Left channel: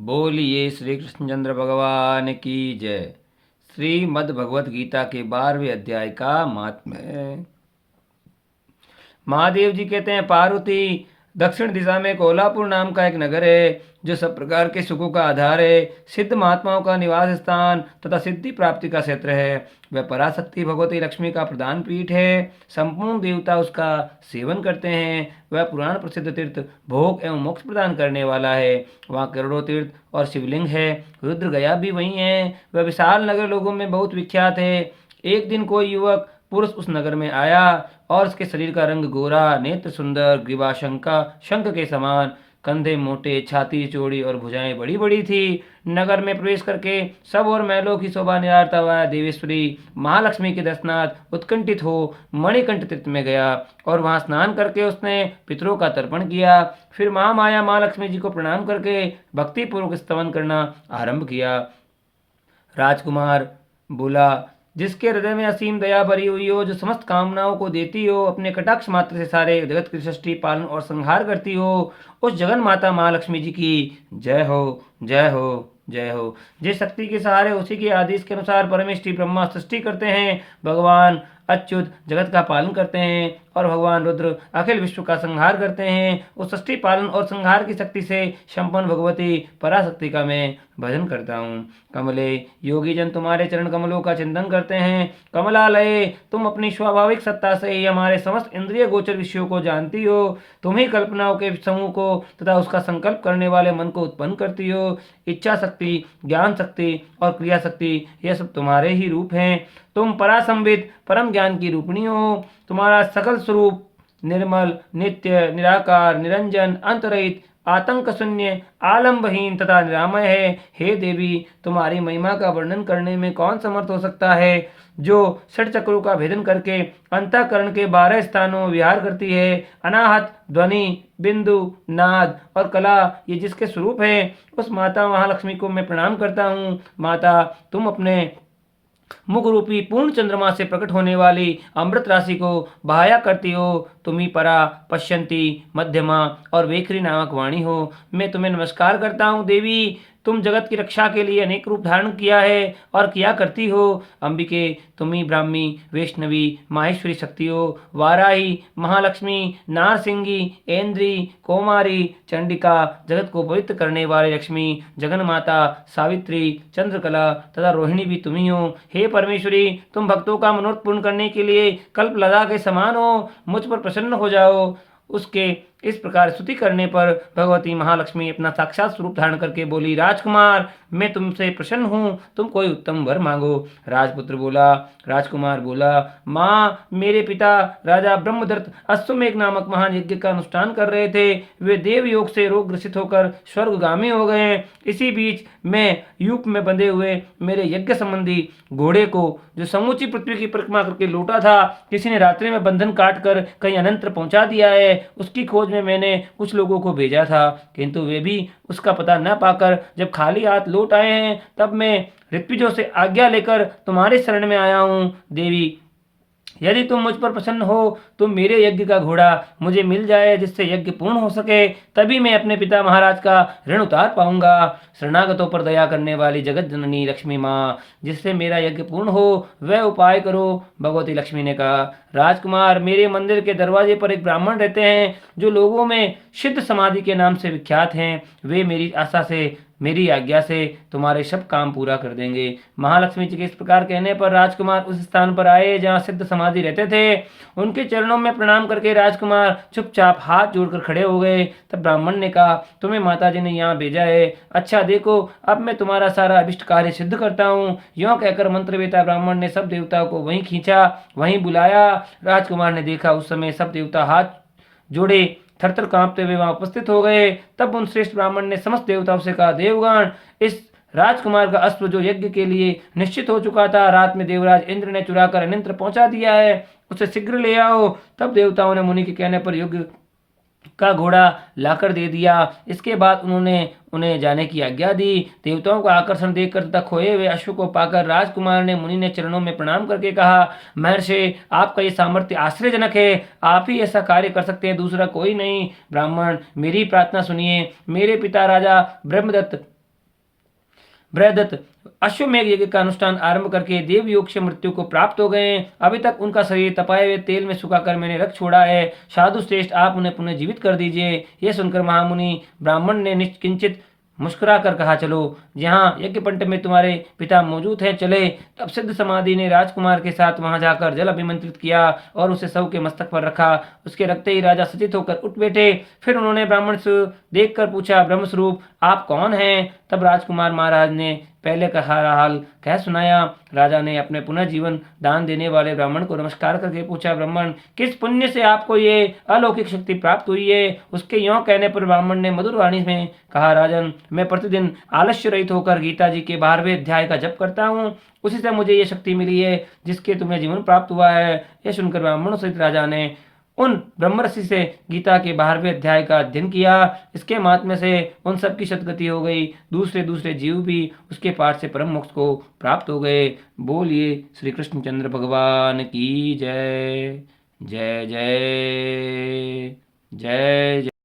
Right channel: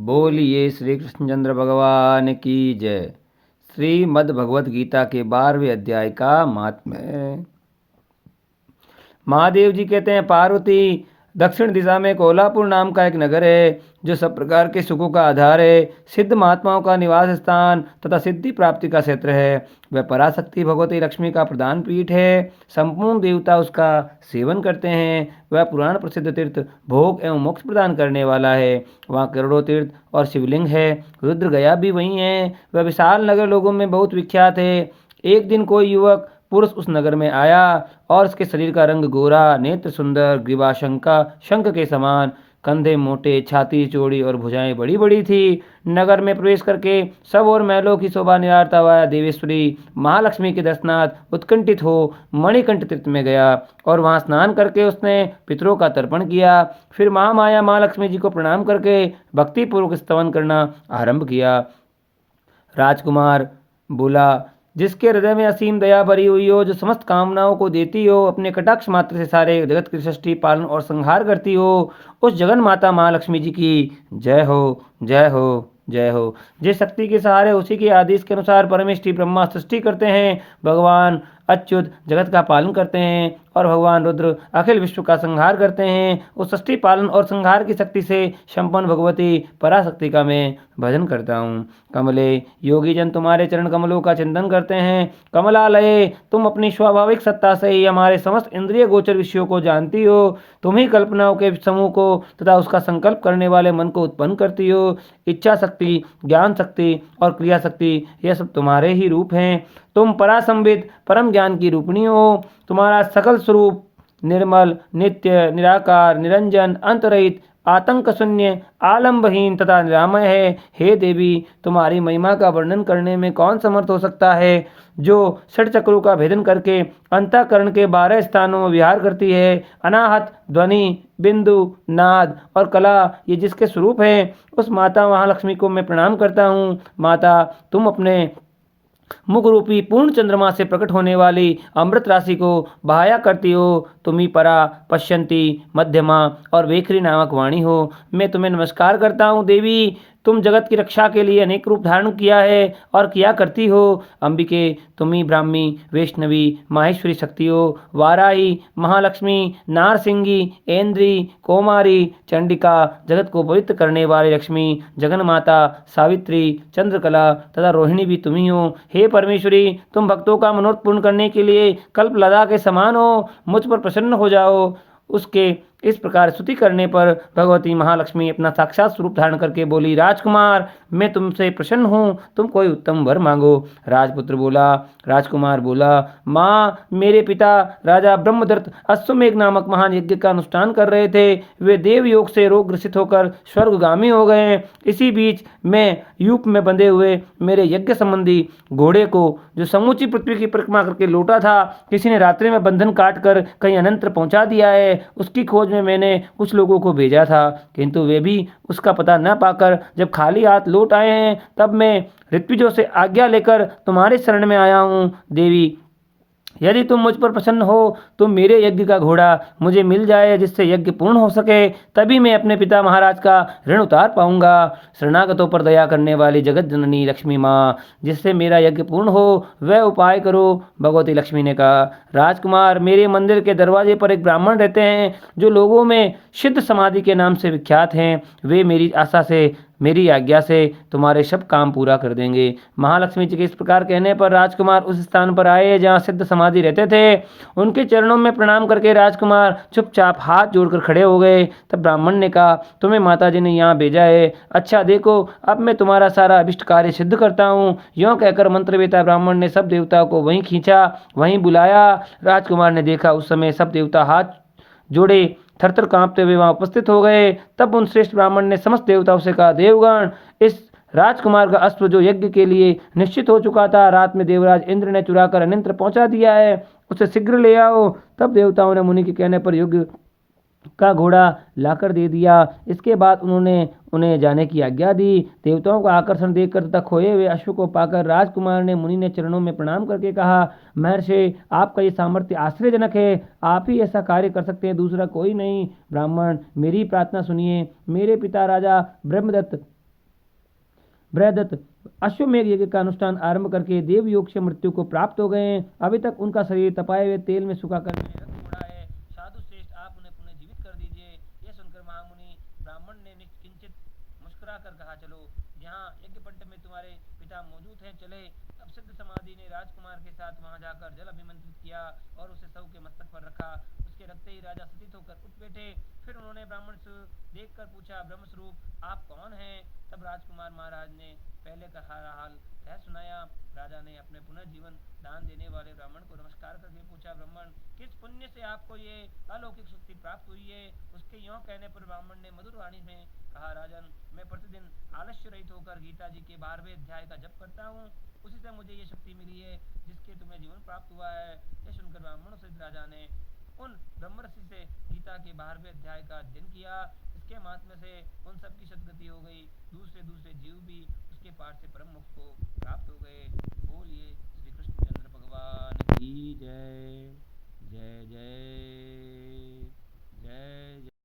बोलिए श्री कृष्णचंद्र भगवान की जय। श्रीमद् भगवत गीता के 12वें अध्याय का महात्म्य। महादेव जी कहते हैं, पार्वती, दक्षिण दिशा में कोल्हापुर नाम का एक नगर है जो सब प्रकार के सुखों का आधार है, सिद्ध महात्माओं का निवास स्थान तथा सिद्धि प्राप्ति का क्षेत्र है। वह पराशक्ति भगवती लक्ष्मी का प्रधान पीठ है। संपूर्ण देवता उसका सेवन करते हैं। वह पुराण प्रसिद्ध तीर्थ भोग एवं मोक्ष प्रदान करने वाला है। वहाँ करोड़ों तीर्थ और शिवलिंग है। रुद्र गया भी वहीं है। वह विशाल नगर लोगों में बहुत विख्यात है। एक दिन कोई युवक पुरुष उस नगर में आया और उसके शरीर का रंग गोरा, नेत्र सुंदर, ग्रीवा शंख के समान, कंधे मोटे, छाती चौड़ी और भुजाएं बड़ी बड़ी थी। नगर में प्रवेश करके सब और महलों की शोभा निहारता हुआ देवेश्वरी महालक्ष्मी के दर्शनार्थ उत्कंठित हो मणिकंठ तीर्थ में गया और वहां स्नान करके उसने पितरों का तर्पण किया। फिर महामाया महालक्ष्मी जी को प्रणाम करके भक्तिपूर्वक स्तवन करना आरंभ किया। राजकुमार बोला, जिसके हृदय में असीम दया भरी हुई हो, जो समस्त कामनाओं को देती हो, अपने कटाक्ष मात्र से सारे जगत की सृष्टि पालन और संहार करती हो, उस जगन माता महालक्ष्मी जी की जय हो, जय हो, जय हो। जिस शक्ति के सहारे उसी के आदेश के अनुसार परमेष्ठी ब्रह्मा सृष्टि करते हैं, भगवान अच्युत जगत का पालन करते हैं और भगवान रुद्र अखिल विश्व का संहार करते हैं, उस सृष्टि पालन और संहार की शक्ति से संपन्न भगवती पराशक्ति का मैं भजन करता हूँ। कमले, योगी जन तुम्हारे चरण कमलों का चिंतन करते हैं। कमलालये, तुम अपनी स्वाभाविक सत्ता से ही हमारे समस्त इंद्रिय गोचर विषयों को जानती हो। तुम ही कल्पनाओं के समूह को तथा उसका संकल्प करने वाले मन को उत्पन्न करती हो। इच्छा शक्ति, ज्ञान शक्ति और क्रिया शक्ति, यह सब तुम्हारे ही रूप हैं। तुम परासंवित परम ज्ञान की रूपिणी हो। तुम्हारा सकल स्वरूप निर्मल, नित्य, निराकार, निरंजन, अंतरहित, आतंक शून्य, आलंबहीन तथा निरामय है। हे देवी, तुम्हारी महिमा का वर्णन करने में कौन समर्थ हो सकता है, जो षट चक्रों का भेदन करके अंतःकरण के 12 स्थानों में विहार करती है। अनाहत, ध्वनि, बिंदु, नाद और कला, ये जिसके स्वरूप है, उस माता महालक्ष्मी को मैं प्रणाम करता हूँ। माता, तुम अपने मुख रूपी पूर्ण चंद्रमा से प्रकट होने वाली अमृत राशि को बहाया करती हो। तुम ही परा, पश्यंती, मध्यमा और वेखरी नामक वाणी हो। मैं तुम्हें नमस्कार करता हूँ देवी। तुम जगत की रक्षा के लिए अनेक रूप धारण किया है और किया करती हो। अंबिके, तुम ही ब्राह्मी, वैष्णवी, माहेश्वरी शक्ति हो। वाराही, महालक्ष्मी, नारसिंगी, ऐन्द्री, कौमारी, चंडिका, जगत को पवित्र करने वाली लक्ष्मी, जगन माता, सावित्री, चंद्रकला तथा रोहिणी भी तुम ही हो। हे परमेश्वरी, तुम भक्तों का मनोरथ पूर्ण करने के लिए कल्प लता के समान हो। मुझ पर प्रसन्न हो जाओ। उसके इस प्रकार स्तुति करने पर भगवती महालक्ष्मी अपना साक्षात स्वरूप धारण करके बोली, राजकुमार, मैं तुमसे प्रसन्न हूँ, तुम कोई उत्तम वर मांगो। राजकुमार बोला, माँ, मेरे पिता राजा ब्रह्मदत्त अश्वमेघ नामक महान यज्ञ का अनुष्ठान कर रहे थे। वे देव योग से रोग ग्रसित होकर स्वर्गगामी हो गए। इसी बीच मैं यूप में बंधे हुए मेरे यज्ञ संबंधी घोड़े को, जो समूची पृथ्वी की परिक्रमा करके लौटा था, किसी ने रात्रि में बंधन काट कर कहीं अनंतर पहुंचा दिया है। उसकी खोज में मैंने कुछ लोगों को भेजा था, किंतु वे भी उसका पता न पाकर जब खाली हाथ लौट आए हैं, तब मैं ऋत्विजों से आज्ञा लेकर तुम्हारे शरण में आया हूँ। देवी, यदि तुम मुझ पर प्रसन्न हो तो मेरे यज्ञ का घोड़ा मुझे मिल जाए, जिससे यज्ञ पूर्ण हो सके, तभी मैं अपने पिता महाराज का ऋण उतार पाऊंगा। शरणागतों पर दया करने वाली जगत जननी लक्ष्मी माँ, जिससे मेरा यज्ञ पूर्ण हो, वह उपाय करो। भगवती लक्ष्मी ने कहा, राजकुमार, मेरे मंदिर के दरवाजे पर एक ब्राह्मण रहते हैं, जो लोगों में सिद्ध समाधि के नाम से विख्यात हैं। वे मेरी आज्ञा से तुम्हारे सब काम पूरा कर देंगे। महालक्ष्मी जी के इस प्रकार कहने पर राजकुमार उस स्थान पर आए जहाँ सिद्ध समाधि रहते थे। उनके चरणों में प्रणाम करके राजकुमार चुपचाप हाथ जोड़कर खड़े हो गए। तब ब्राह्मण ने कहा, तुम्हें माता जी ने यहाँ भेजा है। अच्छा देखो, अब मैं तुम्हारा सारा अभिष्ट कार्य सिद्ध करता हूँ। यों कहकर मंत्रवेता ब्राह्मण ने सब देवताओं को वहीं खींचा, वहीं बुलाया। राजकुमार ने देखा, उस समय सब देवता हाथ जोड़े थरथर कांपते हुए वहां उपस्थित हो गए। तब उन श्रेष्ठ ब्राह्मण ने समस्त देवताओं से कहा, देवगण, इस राजकुमार का अश्व जो यज्ञ के लिए निश्चित हो चुका था, रात में देवराज इंद्र ने चुरा कर अनंतर पहुंचा दिया है। उसे शीघ्र ले आओ। तब देवताओं ने मुनि के कहने पर यज्ञ का घोड़ा लाकर दे दिया। इसके बाद उन्होंने उन्हें जाने की आज्ञा दी। देवताओं का आकर्षण देखकर तथा खोए हुए अश्व को पाकर राजकुमार ने मुनि ने चरणों में प्रणाम करके कहा, महर्षि, आपका ये सामर्थ्य आश्चर्यजनक है। आप ही ऐसा कार्य कर सकते हैं, दूसरा कोई नहीं। ब्राह्मण, मेरी प्रार्थना सुनिए। मेरे पिता राजा ब्रह्मदत्त बृहदत्त अश्वमेघ यज्ञ का अनुष्ठान आरंभ करके देवयोग से मृत्यु को प्राप्त हो गए हैं। अभी तक उनका शरीर तपाए हुए तेल में सुखाकर मैंने रख छोड़ा है। साधु श्रेष्ठ, आप उन्हें पुनः जीवित कर दीजिए। यह सुनकर महामुनि ब्राह्मण ने निश्किंचित मुस्कुरा कर कहा, चलो, जहाँ यज्ञ पंट में तुम्हारे पिता मौजूद है, चले। तब सिद्ध समाधि ने राजकुमार के साथ वहां जाकर जल अभिमंत्रित किया और उसे शव के मस्तक पर रखा। उसके रखते ही राजा सचेत होकर उठ बैठे। फिर उन्होंने ब्राह्मण से देखकर पूछा, ब्रह्मस्वरूप आप कौन हैं? तब राजकुमार महाराज ने पहले का हाल कह सुनाया। राजा ने अपने पुनः जीवन दान देने वाले ब्राह्मण को नमस्कार करके पूछा, ब्राह्मण, किस पुण्य से आपको ये अलौकिक शक्ति प्राप्त हुई है? उसके यों कहने पर ब्राह्मण ने मधुर वाणी में कहा, राजन, मैं प्रतिदिन आलस्य रहित होकर गीता जी के 12वें अध्याय का जप करता हूँ। उसी से मुझे ये शक्ति मिली है जिसके तुम्हें जीवन प्राप्त हुआ है। यह सुनकर ब्राह्मणों सहित राजा ने उन ब्रह्मर्षि से गीता के 12वें अध्याय का अध्ययन किया। इसके महात्म्य से उन सब की सदगति हो गई। दूसरे दूसरे जीव भी उसके पाठ से परम मोक्ष को प्राप्त हो गए। बोलिए श्री कृष्णचंद्र भगवान की जय। जय जय जय जय।